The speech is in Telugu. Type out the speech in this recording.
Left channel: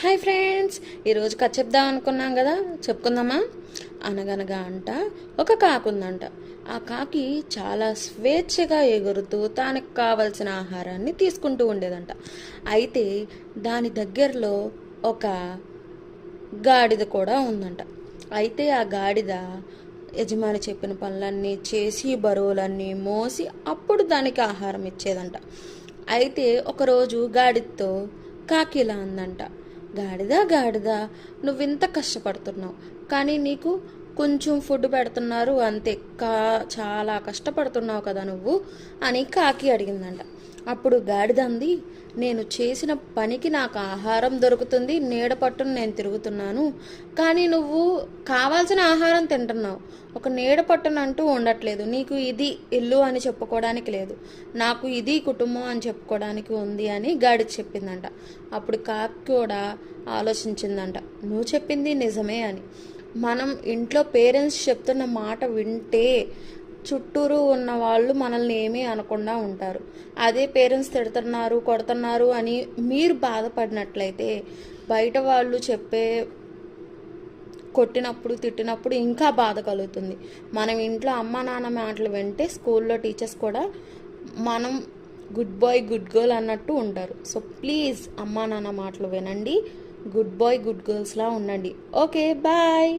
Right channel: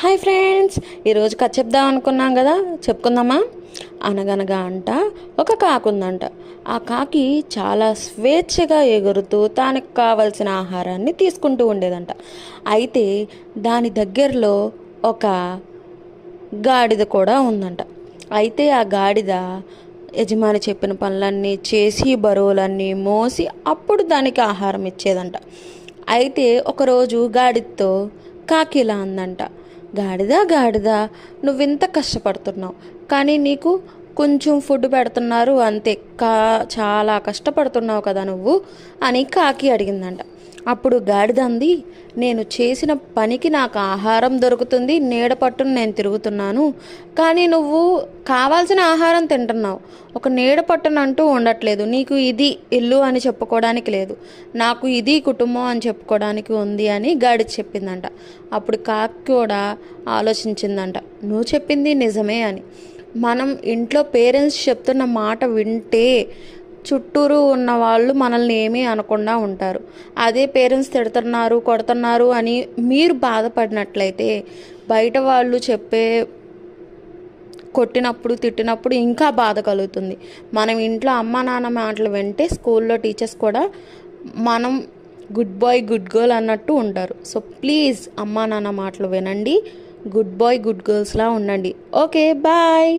హాయ్ ఫ్రెండ్స్, ఈరోజు కథ చెప్దాం అనుకున్నాం కదా, చెప్పుకుందామా? అనగనగా అంట ఒక కాకి ఉందంట. ఆ కాకి చాలా స్వేచ్ఛగా ఎగురుతూ తనకు కావలసిన ఆహారాన్ని తీసుకుంటూ ఉండేదంట. అయితే దాని దగ్గరలో ఒక గాడిద కూడా ఉందంట. అయితే ఆ గాడిద యజమాని చెప్పిన పనులన్నీ చేసి బరువులన్నీ మోసి అప్పుడు దానికి ఆహారం ఇచ్చేదంట. అయితే ఒకరోజు గాడిదతో కాకి ఇలా అందంట, గాడిద గాడిద, నువ్వింత కష్టపడుతున్నావు, కానీ నీకు కొంచెం ఫుడ్ పెడుతున్నారు అంతే, చాలా కష్టపడుతున్నావు కదా నువ్వు అని కాకి అడిగిందంట. అప్పుడు గాడిద అంది, నేను చేసిన పనికి నాకు ఆహారం దొరుకుతుంది, నీడ పట్టును నేను తిరుగుతున్నాను, కానీ నువ్వు కావాల్సిన ఆహారం తింటున్నావు, ఒక నీడ పట్టును అంటూ ఉండట్లేదు, నీకు ఇది ఇల్లు అని చెప్పుకోవడానికి లేదు, నాకు ఇది కుటుంబం అని చెప్పుకోవడానికి ఉంది అని గాడిద చెప్పిందంట. అప్పుడు కాకి కూడా ఆలోచించిందంట, నువ్వు చెప్పింది నిజమే అని. మనం ఇంట్లో పేరెంట్స్ చెప్తున్న మాట వింటే చుట్టూరు ఉన్న వాళ్ళు మనల్ని ఏమీ అనకుండా ఉంటారు. అదే పేరెంట్స్ తిడుతున్నారు కొడుతున్నారు అని మీరు బాధపడినట్లయితే బయట వాళ్ళు చెప్పే కొట్టినప్పుడు తిట్టినప్పుడు ఇంకా బాధ కలుగుతుంది. మనం ఇంట్లో అమ్మ నాన్న మాటలు వింటే స్కూల్లో టీచర్స్ కూడా మనం గుడ్ బాయ్ గుడ్ గర్ల్ అన్నట్టు ఉంటారు. సో ప్లీజ్ అమ్మా నాన్న మాటలు వినండి, గుడ్ బాయ్ గుడ్ గర్ల్స్లా ఉండండి. Okay, bye.